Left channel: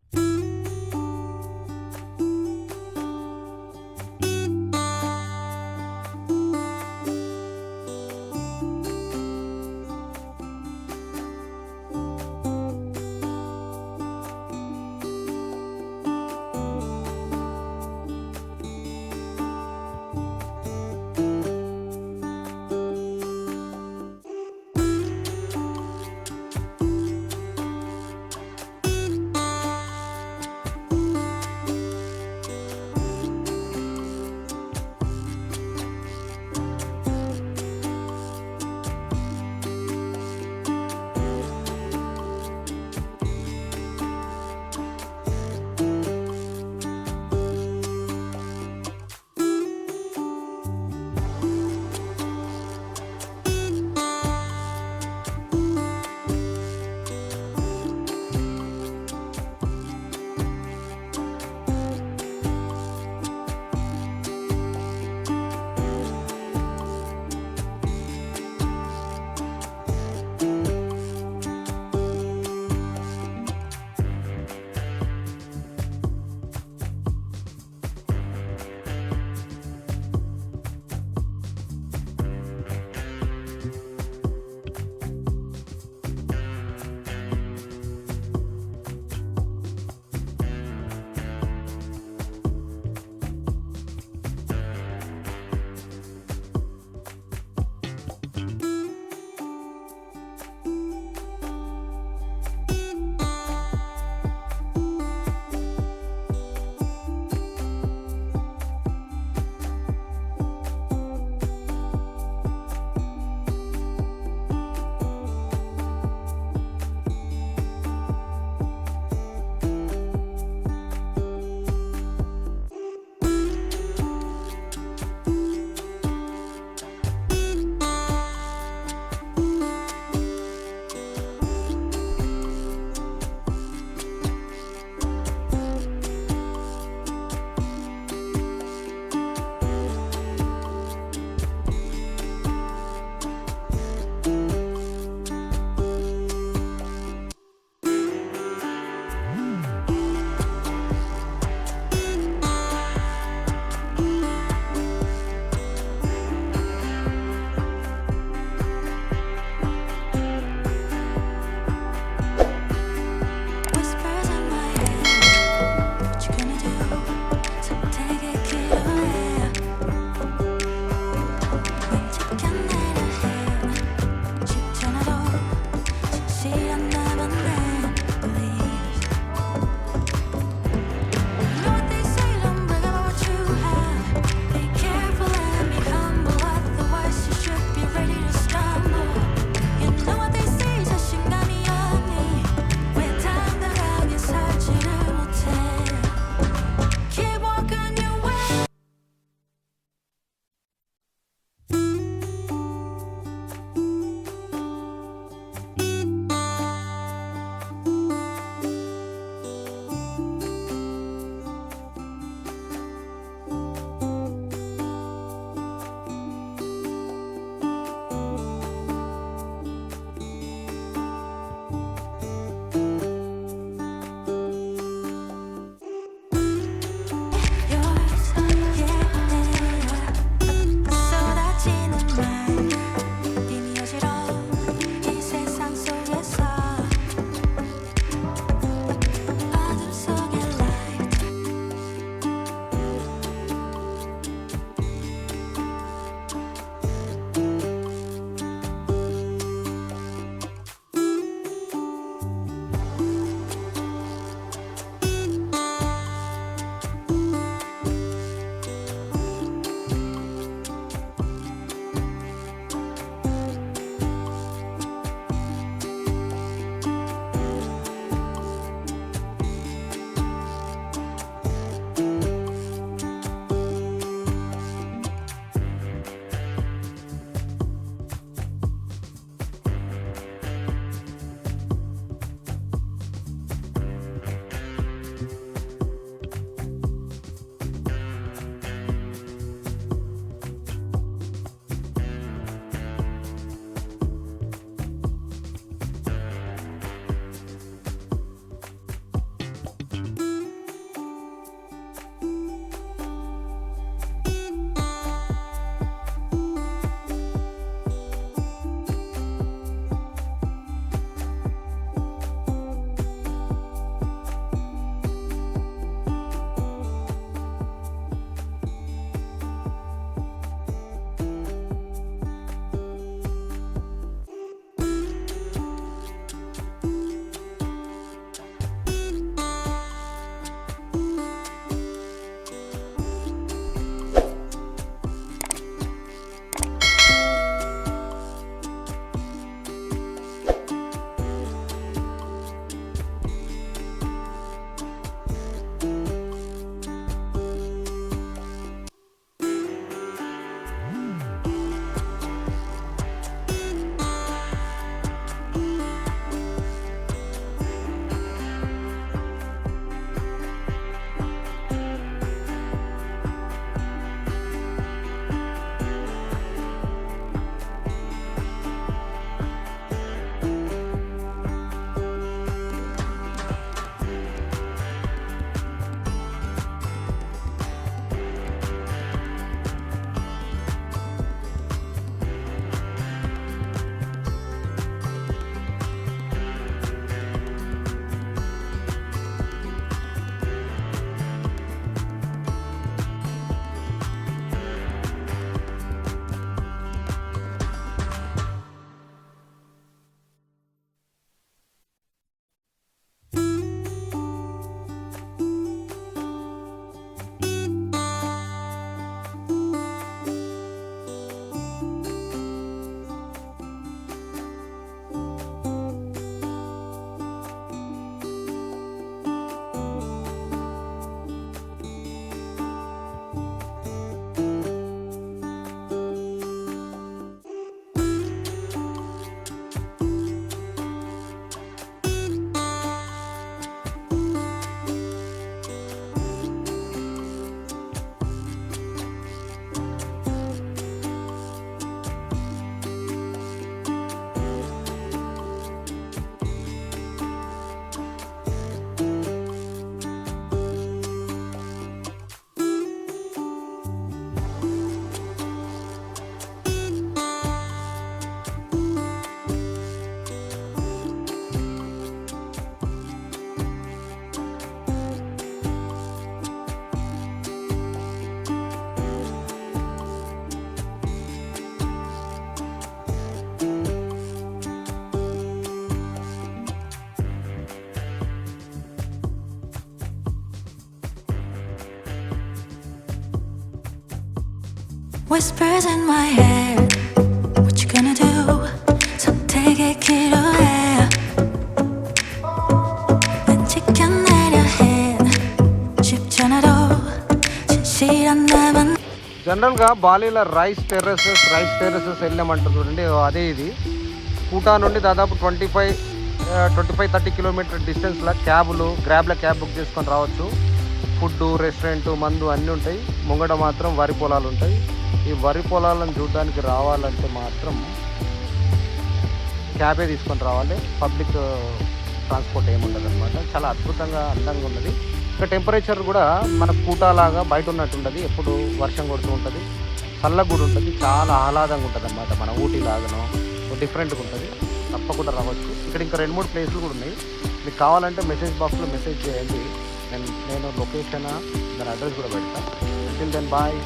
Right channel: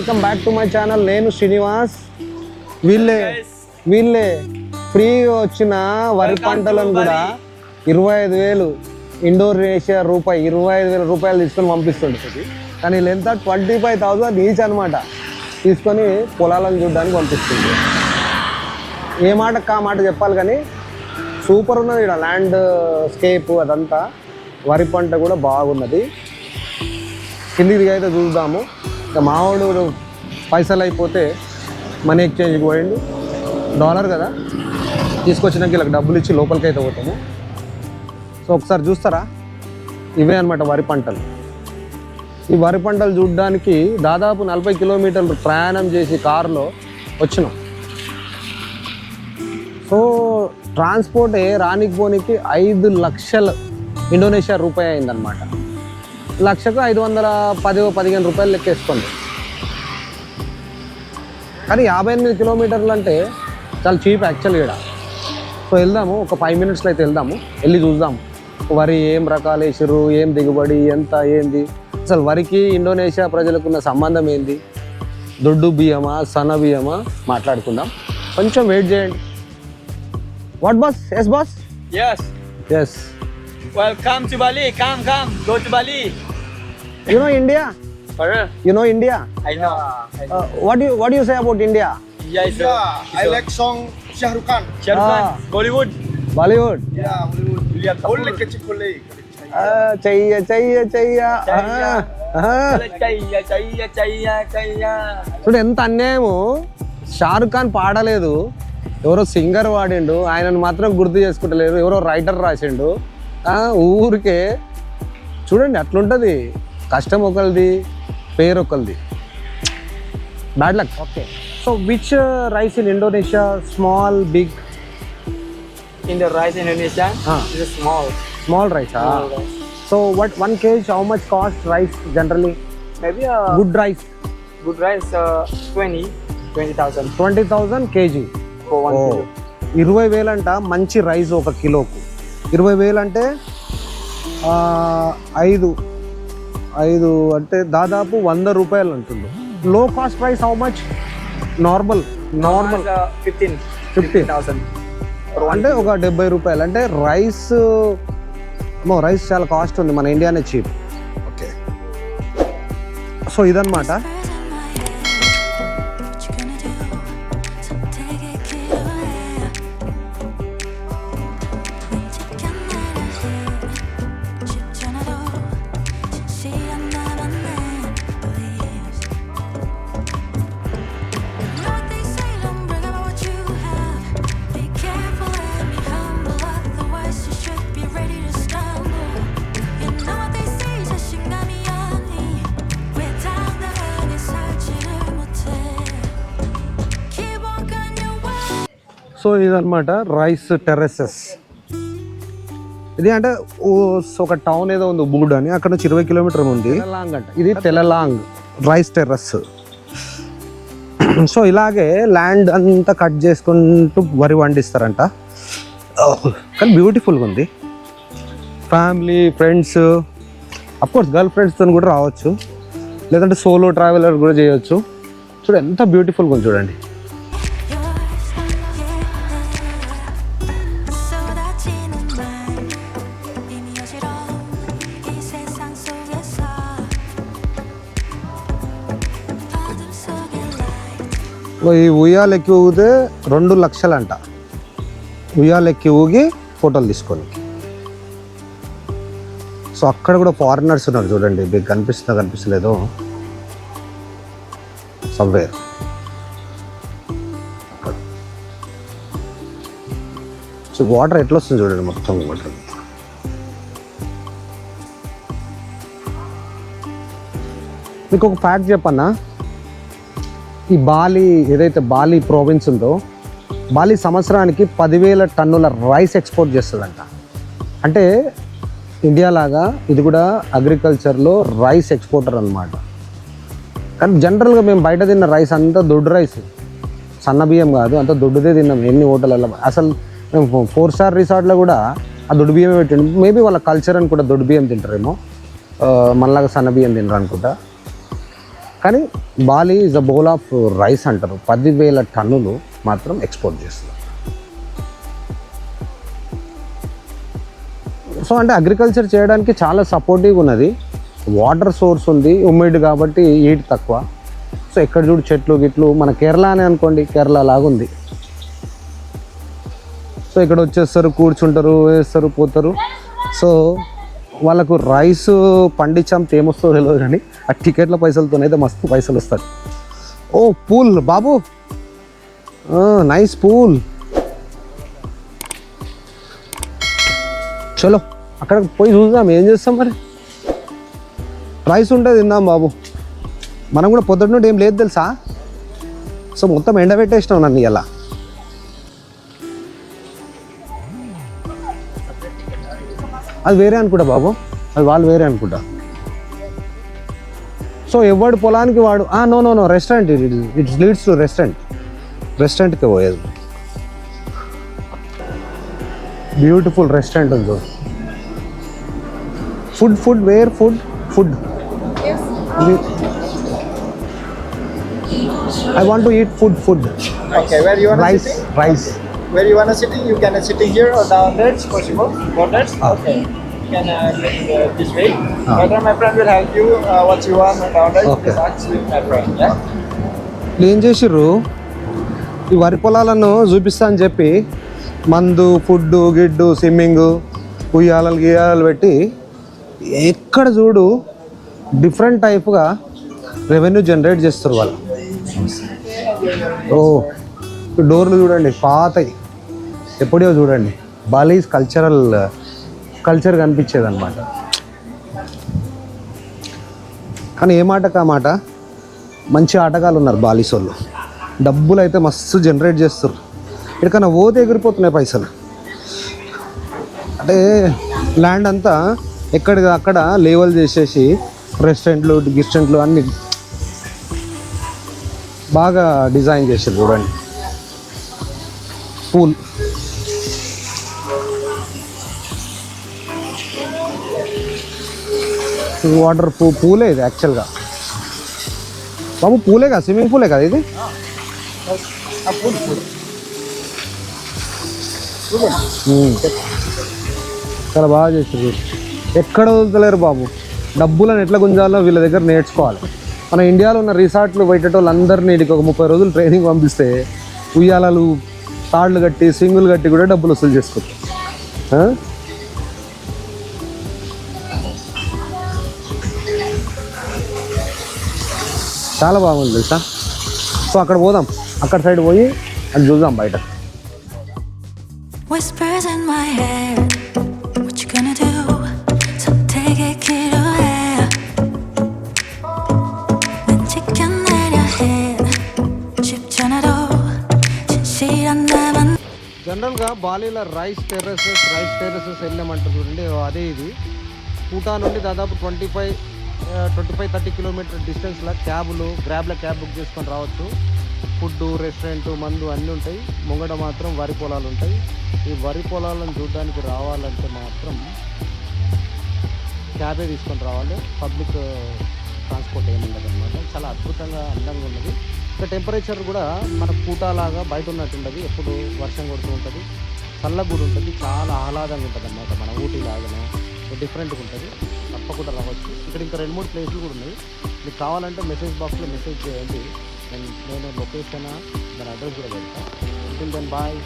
Welcome back to my channel. నేను శ్రీనివాస్. వీళ్ళే వీళ్ళే ఫ్రీ వచ్చిన వరి పంటలను కూడా ఇరవై ఐదు వేలు ఇండోనేషియా రూపాయి ఇరవై ఐదు వేల రూపాయలు తీసుకొని పంపిస్తుంది కానీ ఎంత? ట్వంటీ ఫైవ్ థౌసండ్ ఈచ్ అనమాట తీసుకొని పొలాలను చూడడానికి పంపిస్తుంది ఏ మాట కా మాట చెప్పాలి కానీ సూపర్ ఉన్నది ఇక్కడ ల్యాండ్ స్కేప్ అదంతా. వరి పంట కూడా బాగున్నది. కిందికి అయితే చూద్దాము. ఇక మావాడు పైసలు అయిపోతే మనీ ఎక్స్చేంజ్కి పోయిండు. డాలర్ కదా? తీసుకొచ్చినాక ఇలా డబ్బులు ఇచ్చి లోపలికి అయితే పోతాము. సో ఒకసారి చూస్తారా? ఇవే అనమాట వరి పంటలు. ఈ వరి పంటలు చూడడానికి దాదాపు నలభై కిలోమీటర్లు ప్రయాణం చేసి కారులో వచ్చినాం. సో ట్రాన్స్పోర్టే రానికి పోనీకి ఐదు లక్షల ఇండోనేషియా రూపాయి అయిందనమాట లక్షకు ఐదు వందల పది పదిహేను రూపాయలు లెక్కేసుకోండి. కానీ యాభై ఎనిమిది కిలోమీటర్లు అంటే చాలా చీప్ యాక్చువల్ ఇక్కడ సో వెళ్దాము ఒక ఫైవ్ మినిట్స్లో అయితే వెళ్దాము వెళ్ళి చూద్దాము. వరి ఏం రకాలు వేసారు ఏం దిగుబడి ఎంత ఏంది? అసలు వరికి ఇండోనేషియా ప్రజలకు ఉన్న సంబంధం ఏంది? దొడ్డు బియ్యమా సన్న బియ్యమా? మాట్లాడుకుందాం. కొంచెం వెయిట్ చేయండి. What boss yes boss Yes. Yes Welcome to Bali. Come, come. Go to Bali. You know India For real? You know India I know. I know. What you what you say about India Yeah, it's Yeah, a, I like song Shah Rukh Khan. Shah Rukh Khan. Ah. Bollywood. Bollywood Yeah, Bollywood. Kapoor. Only catching Bollywood. చెయ్య చెయ్య చెయ్య చెయ్య. Chaya, chaya, chaya, chaya. చూడు ఎంత అన్యాయము షారుఖ్ ఖాన్ పాడలేదు ఎవరో singer వాడిండు ఆయనను మాత్రం గుర్తు చేసుకుంటలేరు ఎవరో రైటర్ రాసిండు ఊరికే. చూడండి అట్లుంటుంది. కష్టం ఒకరిది పేరు ఒకరిది bad luck okay so which rice in Indonesia small big rice in Indonesia, Ah. it's small. Small రైసా so what one kg how much cost rice generally a good rice good rice, uh, 20, 20,000 twenty thousand kg. ఇరవై వేలంట మంచి rice ఒక కిలోకు. ఇరవై వేలు అంటే ఐదు ఐదు అంటే దాదాపు వంద రూపాయలు ఉంటుంది low cost rice how much normal normal 15, fifteen 15,000. అంటే ఒక డెబ్బై రూపాయలు. అంటే రైస్ నో రైస్ చాలా కాస్ట్ ఉంది మన ఇండియానే చీప్ సో ఇదన్నమాట. సో ఇదనమాట రైస్ టెర్రసెస్. ఇది అంటే ఓ ఒక టౌన్ ఏదో ఉంది బూడ్ అని అక్కడ నుంచి ఇరవై కిలోమీటర్ ఉంది. ఇది తెలలాంగ్ రైస్ టెర్రస్. సో ఇలాగే ల్యాండ్ అంతా కట్ చేసుకుంటూ వరి వండిస్తారంట కానీ బ్యూటిఫుల్గా ఉంది. ఫ్యామిలీ ఫ్రెండ్స్ అఫ్కోర్స్ గర్ల్ ఫ్రెండ్స్తో కూడా రావచ్చు. లేదంటే సోలో ట్రావెలర్ కూడా చేయొచ్చు. చూడు ఎంత బ్యూటిఫుల్గా ఉంది చూడండి. ఈ ఉయ్యాలు ఎక్కి ఊగితే రెండు లక్షలంట. ఉయ్యాలు ఎక్కి ఊగి ఫోటోలు తీసుకొని. సో అక్కడ కూడా ఫారినర్స్ ఉన్నారు చూడండి. మీకు కనిపిస్తుందా కనిపిస్తలేదో. సమ్వేర్. సో వాటర్ ఎట్లా వస్తుంది చూడండి మొత్తం వాటర్. మీకు ఒక ఫ్యాక్ట్ చెప్పన్నా? ఈ బాలి ఏదైతే బాలి ప్రావిన్స్ ఉందో బాలి సంవత్సరానికి పదివేల టన్నుల రైస్ ఎక్స్పోర్ట్ చేస్తుందంట. అంటే ఇండియా లాగా ఇది కూడా అగ్రికల్చర్లో రైస్ ఎక్స్పోర్టర్ అన్నమాట. కానీ జనరల్గా మేము బయట తిన్న రైస్ అంతా దొడ్డు రైస్ సన్న బియ్యం కాదు అంత దొడ్డుదే తిన్నాం ఎన్ని హోటళ్ళలో. అసలు మేము ఫోర్ స్టార్ రిసార్ట్లో కూడా ఆ దొడ్డు బియ్యమే పెట్టిండు. మేబీ వాళ్ళ కల్చర్ అని కూడా దొడ్డు బియ్యం తింటారేమో. ఆ, మనలాగా సన్న బియ్యం తినరు అనుకుంటా. కానీ Bali is a bowl of rice అంటారు. పదివేల టన్నులు మాత్రం ఎక్స్పోర్ట్ చేస్తారు. సో అంటే అగ్రికల్చర్ చేయడానికి చాలా సపోర్టివ్గా ఉన్నది. వాటర్ సోర్స్ ఉంది ఉమ్మిడ్ కాబట్టి హీట్ తక్కువ. సో ఎక్కడ చూడు చెట్లు గిట్లు మన కేరళ అని అనుకోండి కేరళ లాగుంది. సో ఇక్కడ వచ్చేస్తారు కూర్చుంటారు వేస్తారు పోతారు. సో వాళ్ళకు రైస్ పండించాం ఏమొస్తుందో తెలియదు కానీ ఆ టికెట్ల పైసలతోనైతే మస్తు పైసలు వస్తాయి. ఓ పూల్ బాబు. Nice pool. చలో అక్కడ పోయి చూద్దాం ఏం చేస్తాం మరి? రైస్ ఉంటే తిందాం బాబు. మనం కూడా పొద్దున్న నుండి ఏం లేదు తెలుసా? సో మొత్తం ఎండబెట్టేసినాం నన్ను ఇలా అది వేరే అనుకుంటా బాబు. అది వాళ్ళు వేరే అనుకుంటా. సో ఎవడు పొలానికి వాడు నో నో నో రెస్టారెంట్ ఇది ఇట్స్ లీడ్స్ టు రెస్టారెంట్ రెస్టారెంట్కి పోయేది. బ్యూటిఫుల్ రెస్టారెంట్ ఉంది food food where food food I want to eat food food Okay, where you wanna rice sitting? Rice Where you wanna sitting? You can uh, sitting here or down there. It's possible. There. Okay. You can uh, uh, this way. Ah. Then my friend will help you uh, what you want and down there. Okay. With my friend. Yeah. ఏం చేసిర్రు ఈ వరి పొలాలను చూపిస్తా అని చెప్పి మందు food గిడ్డు swimming ఉయ్యాలలు గియ్యాలలు పెట్టి ఎక్కడ చూడు డిఫరెంట్ టైప్గా రెవెన్యూ జనరేట్ చేస్తారు వాళ్ళు ఓ ఈ డోర్లు చూడండి పాతవి ఎప్పుడో చూడండి బాలీస్ కల్చరల్ కల్చర్ కనిపించేది అనమాట కానీ ఏ మాట కా మాట? మంచి ఆటగాళ్ళు ఉన్నారు బాలీస్ వాళ్ళు. డబ్బులు అయితే మస్తు జనరేట్ చేస్తారు ఎక్కడికైనా పోతే ఎగిరిపోతున్నాయి పైసలు. అంటే ల్యాండ్ అంతా ఎక్కడికి అక్కడ లేవల్ చేసేసి రెస్టారెంట్లు గిస్టెంట్లు అన్ని బాగా డిజైన్ చేశారు చూడండి. పూల్ వాటర్ పూ పూలే ఇది యాక్చువల్గా బాబు పూలే కదా స్విమ్మింగ్ పూలే కదా ఇది? చాలా బాగా చేస్తుంది. ఎక్కడ వదులుతలేరు బాబు. డబ్బులను ఎట్లా గుంజాలో వీళ్ళ దగ్గర నేర్చుకోవాలి. మన ఇండియాలో ఉన్న రిసార్ట్లు బయటోళ్ళందరినీ వీడికి ఒక ముప్పై రోజులు ట్రైనింగ్ పంపిస్తే ఉయ్యాలలు తాళ్ళు కట్టి స్వింగులు కట్టి కూడా డబ్బులు వసూలు చేసుకోవచ్చు. చాలా బాగుంది తెలుసా? సో అక్కడ పోదాం. అక్కడ సైడ్ పోయి అది చూద్దాం బయట. Whispers in my head. జనరల్గా బాలీలో రైస్ టెర్రసెస్ రైస్ టెర్రసెస్ వెళ్ళామంటారు చూడండి అదే ఇది. కూటా నుండి దాదాపు twenty five twenty five thirty kilometer డిస్టెన్స్లో క్యాబులు గ్రాబ్ల క్యాబ్ బుక్ చేసుకొని రావచ్చు. ఫుడ్ రెస్టారెంట్ మందు అన్నీ ఉంటాయి. ముంగడ మాత్రం వరి పొలాలు ఉంటాయి. ఈ వరి పొలాలను చూడడానికి రావాలంటే మాత్రం క్యాబే తీసుకొని రావాలి. పబ్లిక్ ట్రాన్స్పోర్ట్ ఏముండదు అనమాట చాలా అద్భుతంగా అందంగా ఉన్నది. ఇక్కడ టెంపరేచర్ కూడా మన కూటాలాగా బయట ఉన్నట్టు ఎప్పుడు వర్షం కొడుతూ ఉంటుంది. చల్లగా కూడా ఉంటుంది. చాలా ఆహ్లాదంగా ఉంటుంది అన్నమాట మన ఊటీ లాగానో డిఫరెంట్గా ఉంటుంది. తప్పకుండా రావచ్చు. ఇక్కడ ఇంకా రెండు మూడు ప్లేసులు కూడా ఉన్నాయి. మీకు కావాలంటే మెసేజ్ బాక్స్లో మెసేజ్ చేయండి. నేను నేను లొకేషన్ దాని అడ్రస్ కూడా పెడతాను టిల్ దెన్ బాయ్